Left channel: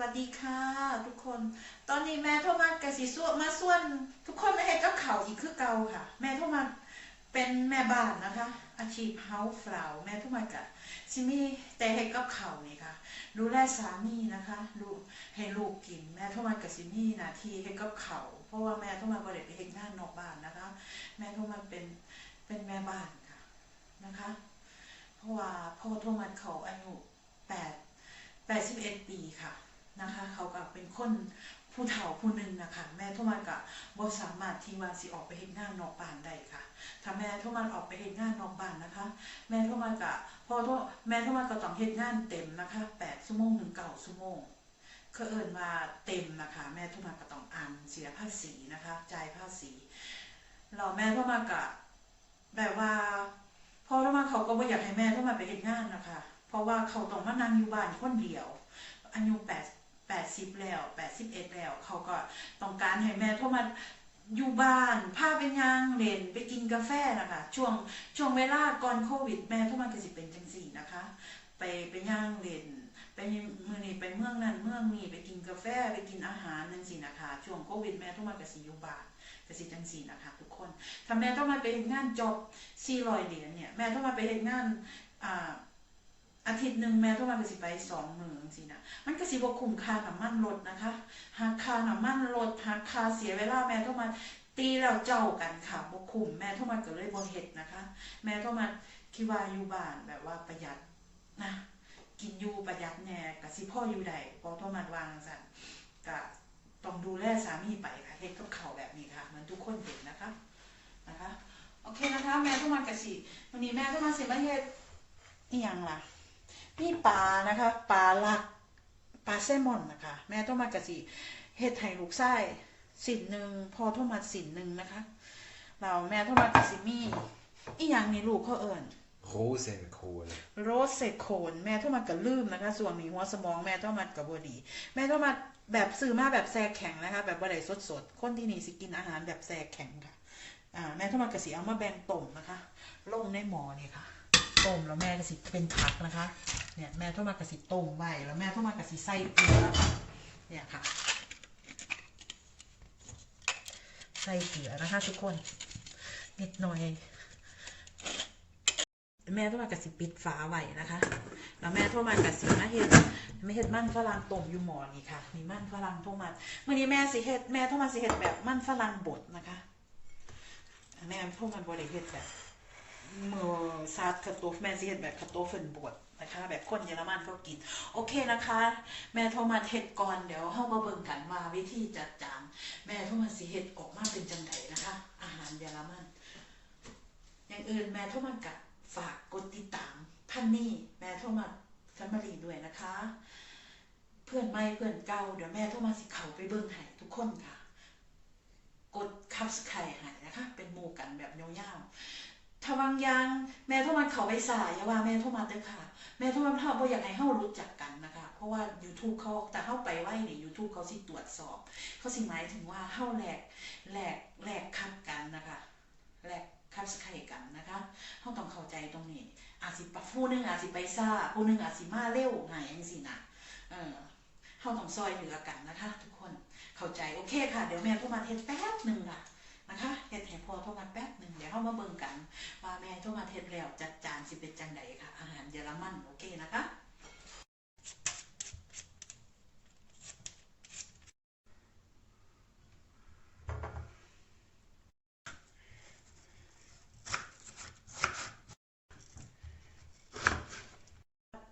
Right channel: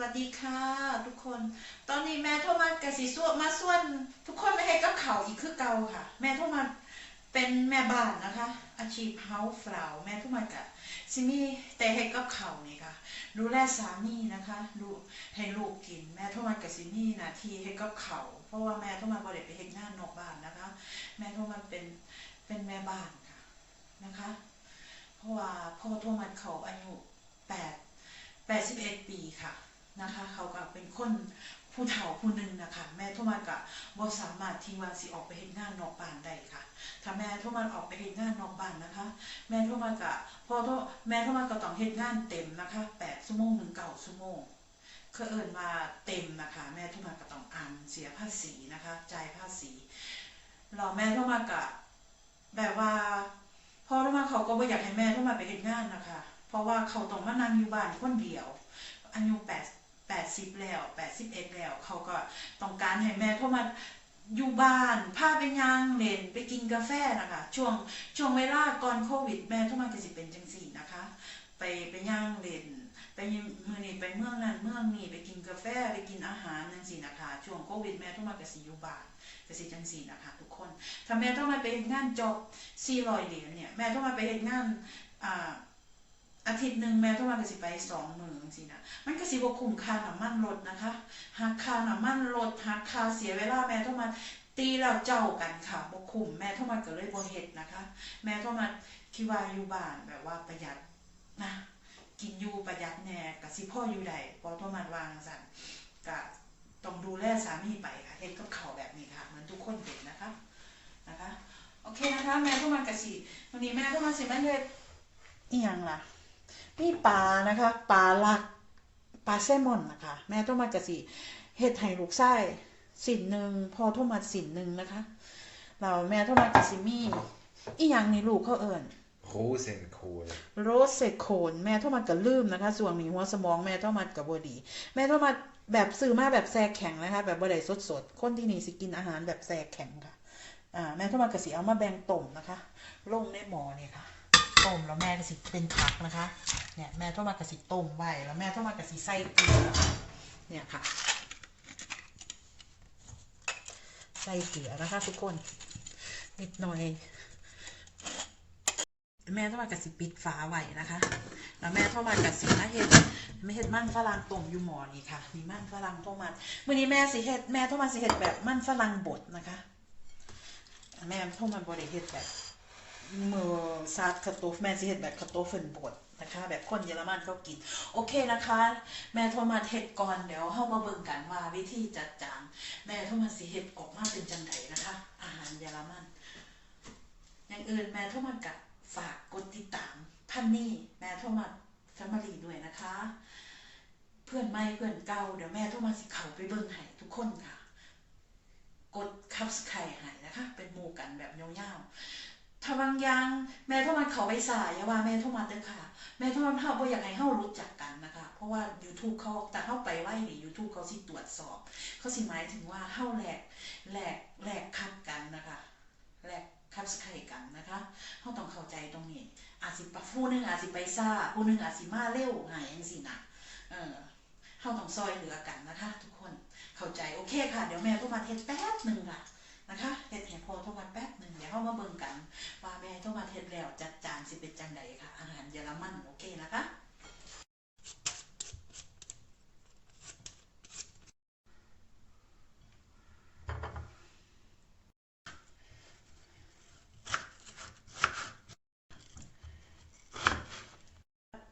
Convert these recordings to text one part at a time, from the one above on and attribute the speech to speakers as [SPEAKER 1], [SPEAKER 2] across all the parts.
[SPEAKER 1] วัสดีค่ะทุกคน ตอนนี้แม่โทรมากะสิส่วนมาส่วน ทุกคนไม่ให้กับเขาอีกคือเก่าค่ะ แม่โทรมาเป็นแม่บ้านนะคะ อาชีพเฮาส์ฟลาวแม่โทรมากะซินี่แต่ให้กับเขาวนี่ค่ะ ดูแลสามีนะคะดูให้ลูกกิน แม่โทรมากะซินี่นาที่ให้กับเขาเพราะว่าแม่โทรมาบ่ได้ไปเฮ็ดงานนอกบ้านนะคะ แม่โทรมาเป็นเป็นแม่บ้านค่ะนะคะ เพราะว่าพ่อโทรมาเขาอายุแปดแปดสิบเอ็ดปีค่ะ นะคะ เขาก็เป็นคนผู้เฒ่าผู้หนึ่งนะคะแม่โทมันก็บ่สามารถที่ว่าสิออกไปเฮ็ดงานนอกบ้านได้ค่ะ ถ้าแม่โทมันออกไปเฮ็ดงานนอกบ้านนะคะ แม่โทมันก็พอโทแม่โทมันก็ต้องเฮ็ดงานเต็มนะคะ8ชั่วโมงถึง9ชั่วโมงคือเอิ้นว่าเต็มนะคะ แม่โทมันก็ต้องอ่านเสียภาษีนะคะจ่ายภาษีแล้วแม่โทมันก็แบบว่าพ่อโทมันเขาก็บ่อยากให้แม่โทมันไปเฮ็ดงานนะคะ เพราะว่าเขาต้องมานั่งอยู่บ้านคนเดียวอายุแปด แปดสิบแล้วแปดสิบเอ็ดแล้ว เขาก็ต้องการให้แม่เข้ามาอยู่บ้านพาไปย่างเล่นไปกินกาแฟนะคะช่วงช่วงเวลาก่อนโควิด แม่เข้ามาก็สิเป็นจังสี่นะคะ ไปไปย่างเล่นไปมือนี้ไปเมืองนั้นเมืองนี้ไปกินกาแฟไปกินอาหารนั่นสินะคะ ช่วงโควิด แม่เข้ามาก็สิอยู่บ้านก็สิจังสี่นะคะทุกคนถ้าแม่ต้องมาไปเฮ็ดงานจบ400เหรียญเนี่ยแม่ต้องมาไปเฮ็ดงานอ่า อาทิตย์หนึ่งแม่ต้องมาก็สิไปสองมื้อจังซี่นะมันก็สิบ่คุ้มค่าน้ำมันรถนะคะหากค่าน้ำมันรถหากค่าเสียเวลาแม่ต้องมาตีแล้วเจ้ากันค่ะบ่คุ้มแม่ต้องมาก็เลยบ่เฮ็ดนะคะ แม่ต้องมาที่ว่าอยู่บ้านแบบว่าประหยัดนะกินอยู่ประหยัดแน่ก็สิพ่ออยู่ได้พอต้องมาวางซั่นก็ต้องดูแลสามีไปค่ะเฮ็ดกับเขาแบบนี้ค่ะเหมือนทุกคนเป็นนะคะนะคะ โอเคนะคะ แม่ต้องมาก็สิวันนี้แม่ต้องมาสิมาเฮ็ดอีหยังล่ะ นี่ปลานะคะปลาลักปลาแซลมอนนะคะ แม่ต้องมากระสิเฮ็ดให้ลูกไส้สินหนึ่งพอโทมาสินหนึ่งนะคะแล้วแม่โทมากระสิมีอีหยังนี่ลูกเขาเอิญ
[SPEAKER 2] Rosenkohl.
[SPEAKER 1] โรสเซโคนแม่โทมัดก็ลืมนะคะ ส่วนมีหัวสมองแม่โทมัดกับบดี แม่โทมัดแบบซื้อมาแบบแซ่แข็งนะคะ แบบบ่ได้สดๆคนที่นี่สิกินอาหารแบบแซ่แข็งค่ะอ่าแม่โทมัดก็สิเอามาแบ่งต้มนะคะ ลงในหม้อนี่ค่ะ ต้มแล้วแม่ก็สิเป็นผักนะคะ เนี่ยแม่โทรมากระสิต้มไว้แล้วแม่โทรมากระสิใส่เกลือเนี่ยค่ะ ใส่เกลือนะคะทุกคนนิดหน่อย แม่โทรมากระสิปิดฝาไว้นะคะแล้วแม่โทรมากระสิมาเฮ็ดไม่เฮ็ดมันฝรั่งต้มอยู่หม้อนี่ค่ะมีมันฝรั่งโทรมามื้อนี้แม่สิเฮ็ดแม่โทรมาสิเฮ็ดแบบมันฝรั่งบดนะคะ แม่โทรมาบดเฮ็ดแบบ มือซาดคาโตฟแม่สิเฮ็ดแบบคาโตเฟินบดนะคะ แบบคนเยอรมันเขากิน โอเคนะคะ แม่โทรมาเฮ็ดก่อนเดี๋ยวเฮามาเบิ่งกันว่าวิธีจัดจานแม่โทรมาสิเฮ็ดออกมาเป็นจังไดนะคะ อาหารเยอรมัน อย่างอื่นแม่โทรมากับฝากกดติดตามท่านนี่แม่โทรมาแฟมิลี่ด้วยนะคะ เพื่อนใหม่เพื่อนเก่าเดี๋ยวแม่โทรมาสิเขาไปเบิ่งให้ทุกคนค่ะ กดคับสไครให้นะคะ เป็นหมู่กันแบบยาวๆ ถ้าบางย่างแม่ทรมาเขาไปสายอย่าว่าแม่ทรมาเด้อค่ะ แม่ทรมาเฮาบ่อยากให้เฮารู้จักกันนะคะ เพราะว่า YouTube เขาแต่เฮาไปไว้นี่ YouTube เขาสิตรวจสอบ เขาสิหมายถึงว่าเฮาแหลกแหลกแหลกคัดกันนะคะแหลกคัดสไครกันนะคะเฮาต้องเข้าใจตรงนี้ อาจสิปะผู้นึงอาจสิไปซ่าผู้นึงอาจสิมาเร็วหายจังซี่นะเออเฮาต้องซอยเหลือกันนะคะ ทุกคนเข้าใจโอเคค่ะ เดี๋ยวแม่ทรมาเทศแป๊บหนึงล่ะนะคะเฮ็ดให้พอทรมาแป๊บ เดี๋ยวเข้ามาเบิ่งกัน ว่าแม่โทรมาเฮ็ดแล้วจัดจานสิเป็นจังใดค่ะ อาหารเยอรมันโอเคนะคะ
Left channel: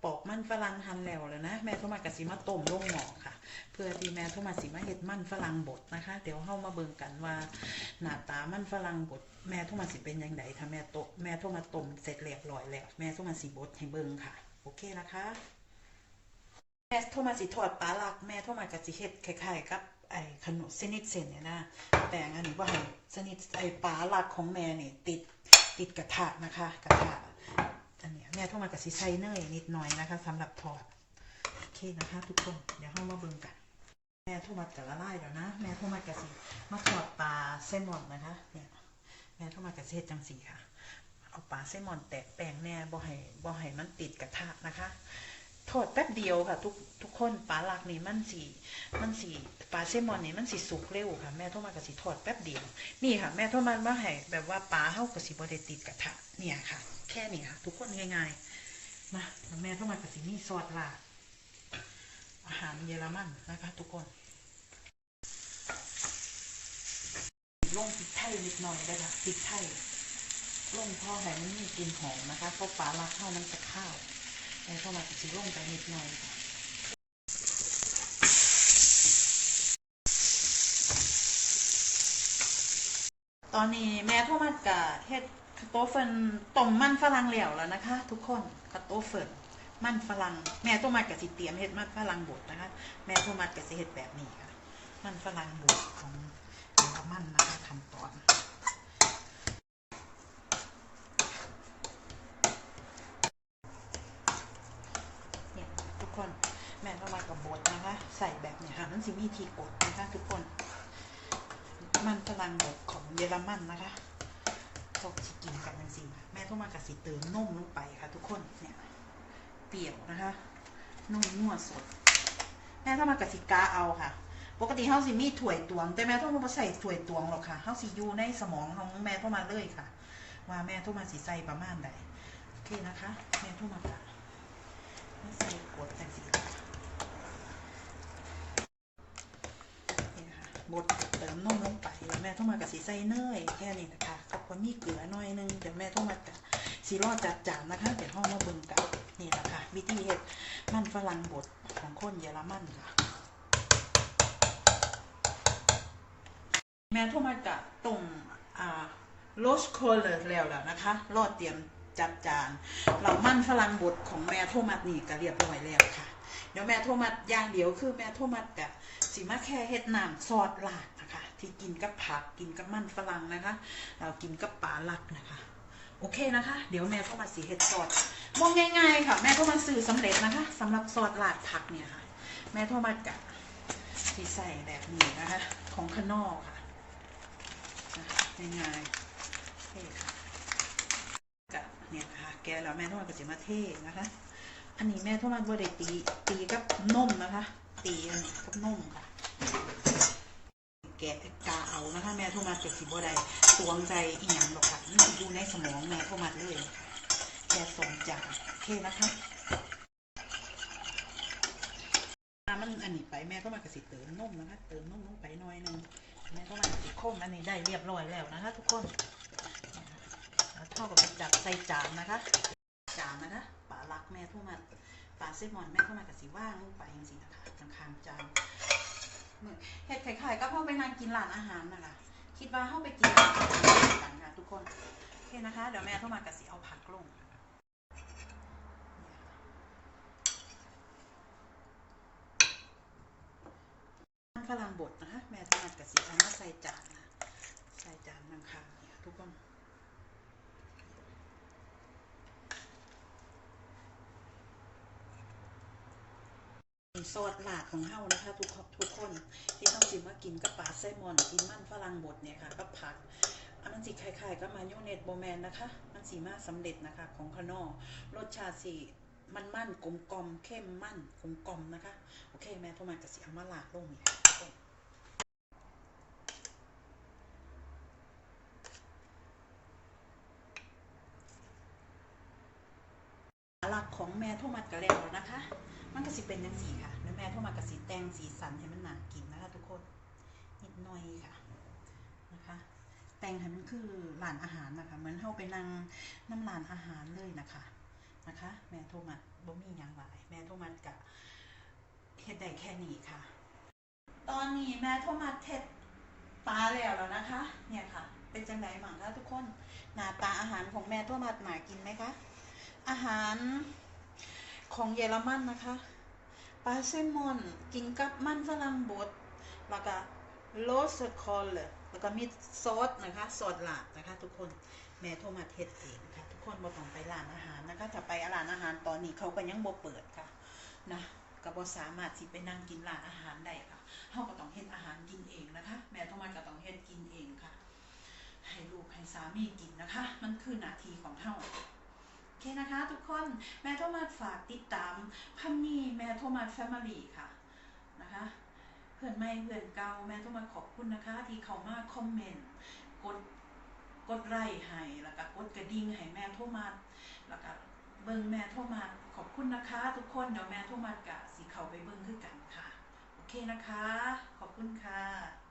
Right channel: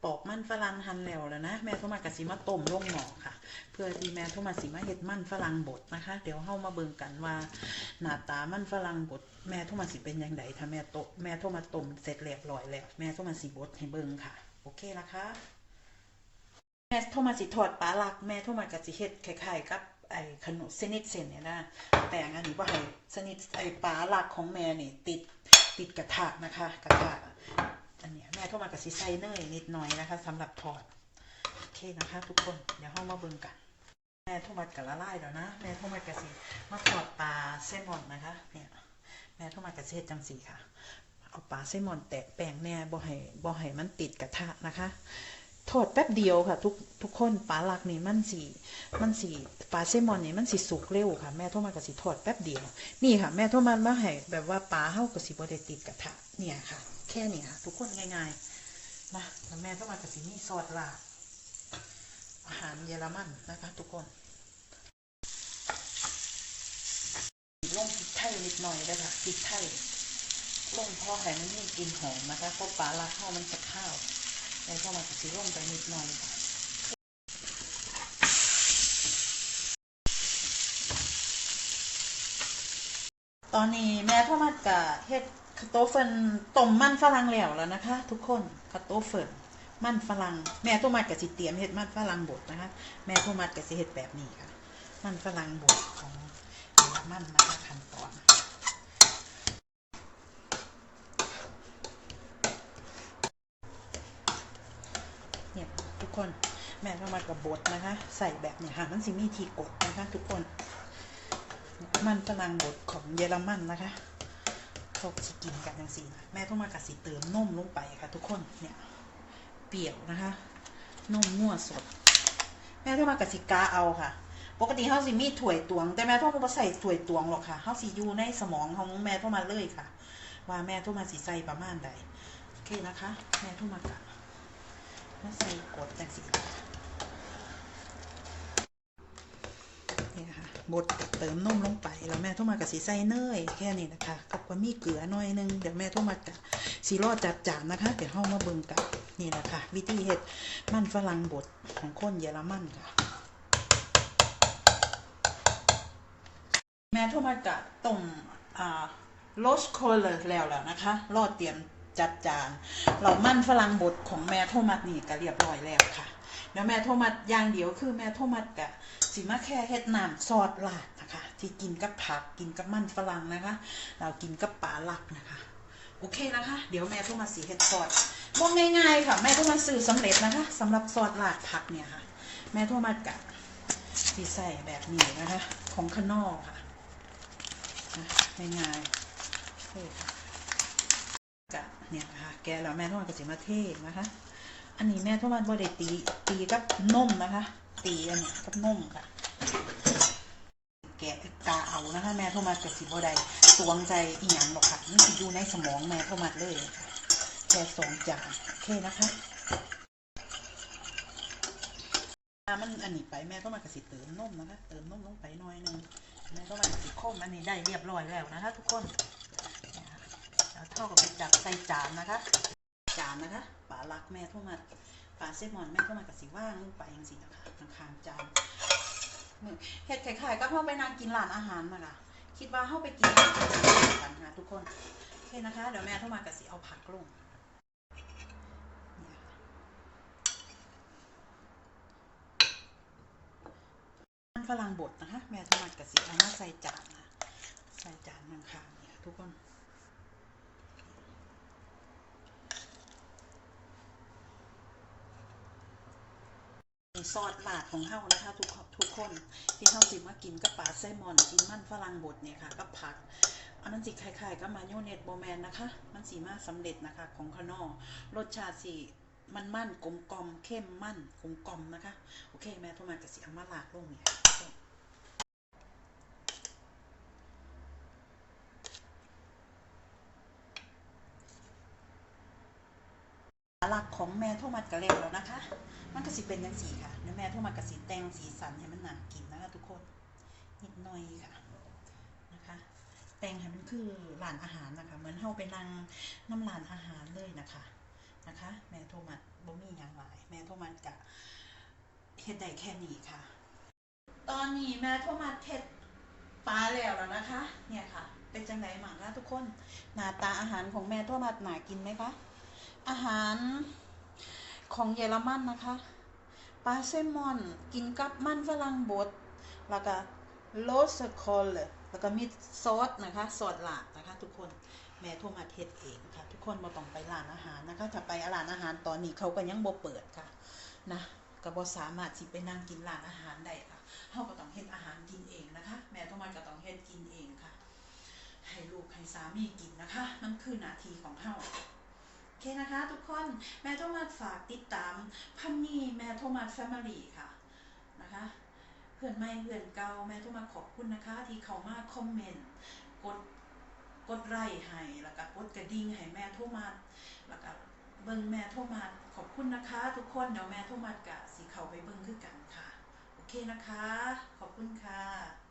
[SPEAKER 1] ปอกมันฝรั่งหั่นแล้วแล้วนะ แม่โทรมากะสิมาต้มลงหม้อค่ะ พื่อที่แม่โทรมาสิมาเฮ็ดมันฝรั่งบดนะคะ เดี๋ยวเฮามาเบิ่งกันว่าหน้าตามันฝรั่งบดแม่โทรมาสิเป็นยังไงถ้าแม่โตแม่โทรมาต้มเสร็จเรียบร้อยแล้ว แม่โทรมาสิบดให้เบิ่งค่ะ โอเคนะคะ แม่โทรมาสิทอดปลาลัก แม่โทรมากะสิเฮ็ดคล้ายๆกับไอ้ขนมสนิทเส้นเนี่ยนะแป้งอันนี้ว่าให้สนิทไอ้ปลาลักของแม่นี่ติดติดกระทะนะคะ กระทะอันนี้แม่โทรมากะสิใส่เนยนิดหน่อยนะคะสำหรับทอดโอเคนะคะ ทุกคนเดี๋ยวเฮามาเบิ่งกัน แม่โทรมากะละลายแล้วนะ แม่โทรมากะสิมาทอดปลาแซลมอนนะคะ เนี่ย แม่โทรมากะสิเฮ็ดจังซี่ค่ะ เอาปลาแซลมอนแตะแป้งแน่บ่ให้บ่ให้มันติดกระทะนะคะทอดแป๊บเดียวค่ะทุกทุกคนปลาหลักนี่มันสีมันสีปลาเซลมอนนี่มันสีสุกเร็วค่ะ แม่โทรมาก็สิทอดแป๊บเดียว นี่ค่ะ แม่โทรมามาให้แบบว่าปลาเฮาก็สิบ่ได้ติดกระทะเนี่ยค่ะ แค่นี้ค่ะ ทุกคนง่ายๆนะแล้วแม่โทรมาก็สิมีซอสลาด อาหารเยอรมันนะคะทุกคนลงพริกไทยนิดหน่อยได้ค่ะพริกไทยลงพอให้มันมีกลิ่นหอมนะคะเพราะปลาลักเข้าวมันจะข้าวแม่เข้ามาสิลงไปนิดหน่อยค่ะตอนนี้แม่เข้ามากะเฮ็ดคาโตเฟินต้มมันฝรั่งแล้วแล้วนะคะ ทุกคนคาโตเฟิน มันฝรั่งแม่โทมัดกะสิเตรียมเฮ็ดมันฝรั่งบดนะคะแม่โทมัดกะสิเฮ็ดแบบนี้ค่ะ มันฝรั่งบดของเยอรมันนะคะขั้นตอนเนี่ยทุกคนแม่ต้องมากับบดนะคะ ใส่แบบเนี่ยค่ะมันสิมีทีกดนะคะทุกคน มันฝรั่งบดของเยอรมันนะคะเขาสิกินกันจังสี่นะแม่ต้องมากับสิเติมนมลงไปค่ะ ทุกคนเนี่ย รี้ยวนะคะนมมั่วสด แม่ต้องมากับสิกาเอาค่ะ ปกติเขาสิมีถวยตวง แต่แม่ต้องมาใส่ถวยตวงหรอกค่ะเขาสิอยู่ในสมองของแม่ต้องมาเลยค่ะ ว่าแม่ต้องมาสิใส่ประมาณใดโอเคนะคะ แม่ต้องมากะมาใส่กดจังสีนี่นะคะ บดเติมนมลงไป แล้วแม่โทรมากับสีใส่เนยแค่นี้นะคะ กับความีเกลือหน่อยนึงเดี๋ยวแม่โทรมากับสีรอดจัดจานนะคะเดี๋ยวห้องมาเบิ่งกันนี่แหละค่ะ วิธีเฮ็ดมันฝรั่งบดของคนเยอรมันค่ะ แม่โทรมากับต้มอ่าโรสโคเลอร์แล้วแล้วนะคะ รอดเตรียมจัดจาน เรามั่นฝรั่งบดของแม่โทมัสนี่ก็เรียบร้อยแล้วค่ะ เดี๋ยวแม่โทมัสอย่างเดียวคือแม่โทมัสกับสีมาแค่เฮ็ดน้ำซอสลาดนะคะ ที่กินกับผักกินกับมันฝรั่งนะคะ เรากินกับปลาลักนะคะโอเคนะคะ เดี๋ยวแม่โทมัสสีเฮ็ดซอสมองง่ายๆค่ะ แม่โทมัสซื้อสำเร็จนะคะสำหรับซอสลาดผักเนี่ยค่ะ แม่โทมัสกับที่ใส่แบบนี้นะคะ ของข้างนอกค่ะง่ายๆนี่ค่ะกะเนี่ยนะคะแกแล้วแม่โทษก็จะมาเทนะคะ อันนี้แม่โทษมาบ่ได้ตีตีกับนมนะคะ ตีอันนี้กับนมค่ะแกะกาเอานะคะแม่โทษมาเกิดสิบ่ได้ตวงใจอีหยังหรอกค่ะนี่อยู่ในสมองแม่โทษมาเลยค่ะแค่สองจานโอเคนะคะมันอันนี้ไปแม่ก็มากระสิเติมนมนะคะเติมนมลงไปหน่อยหนึงแม่ก็มากระสิโค้งอันนี้ได้เรียบร้อยแล้วนะคะ ทุกคนเท่ากับดักใส่จานนะคะ จานนะคะ ปลาลักแม่โทรมาปลาเซมอนแม่โทรมากับสีว่างลงไปจังสินะคะข้างๆจานเห็ดไข่ๆก็เข้าไปนางกินร้านอาหารนะคะคิดว่าเข้าไปกินร้านอาหารกันนะทุกคนโอเคนะคะ เดี๋ยวแม่โทรมากับสีเอาผักลงมันฝรั่งบดนะคะ แม่ทรมากับสีเอามาใส่จานนะใส่จานข้างเนี่ยทุกคน ซอสหลาดของเฮานะคะ ทุกคนทุกคนที่เฮาสิมากินกับปลาแซลมอนกินมันฝรั่งบดเนี่ยค่ะกับผักอันนั้นสิคล้ายๆกับมายองเนสโบแมนนะคะ มันสีมาสำเร็จนะคะของคานอรสชาติสิมันมันกลมกลมเข้มมันกลมกลมนะคะ โอเค แม่โทรมากับสีอามาลาดลงเนี่ค่ะหลักของแม่โทรมากับเร็วแล้วนะคะ มันก็สิเป็นยังสีค่ะแล้วแม่ทรมากระสีแตงสีสันให้มันน่ากินนะคะทุกคนนิดหน่อยค่ะนะคะแตงให้มันคือร้านอาหารนะคะเหมือนเฮาไปนั่งน้ำร้านอาหารเลยนะคะนะคะ แม่โทรมาบ่มีอย่างหลายแม่โทรมากะเฮ็ดได้แค่นี้ค่ะ ตอนนี้แม่โทรมาเฮ็ดปลาแล้วแล้วนะคะ เนี่ยค่ะ เป็นจังไดมั่งคะทุกคนหน้าตาอาหารของแม่โทรมาหนากินไหมคะอาหาร ของเยอรมันนะคะปลาแซมอน กินกับมันฝรั่งบดแล้วก็โรสคอลแล้วก็มีซอสนะคะซอสลานะคะ ทุกคนแม่โทรมาเทศเองค่ะ ทุกคนบ่ต้องไปร้านอาหารนะคะถ้าไปร้านอาหารตอนนี้เขาก็ยังบ่เปิดค่ะนะก็บ่สามารถสิไปนั่งกินร้านอาหารได้ค่ะเฮาก็ต้องเฮ็ดอาหารกินเองนะคะ แม่โทรมาก็ต้องเฮ็ดกินเองค่ะ ให้ลูกให้สามีกินนะคะ มันคือหน้าที่ของเฮา โอเคนะคะ ทุกคนแม่โทมัสฝากติดตามพันนี่แม่โทมัสแฟมิลี่ค่ะนะคะ เพื่อนไม่เพื่อนเก่าแม่โทมัสขอบคุณนะคะ ที่เขามาคอมเมนต์กดกดไลค์ให้แล้วก็กดกระดิ่งให้แม่โทมัสแล้วก็เบิ่งแม่โทมัสขอบคุณนะคะ ทุกคนเดี๋ยวแม่โทมัสกะสิเขาไปเบิ่งคือกันค่ะ โอเคนะคะ ขอบคุณค่ะ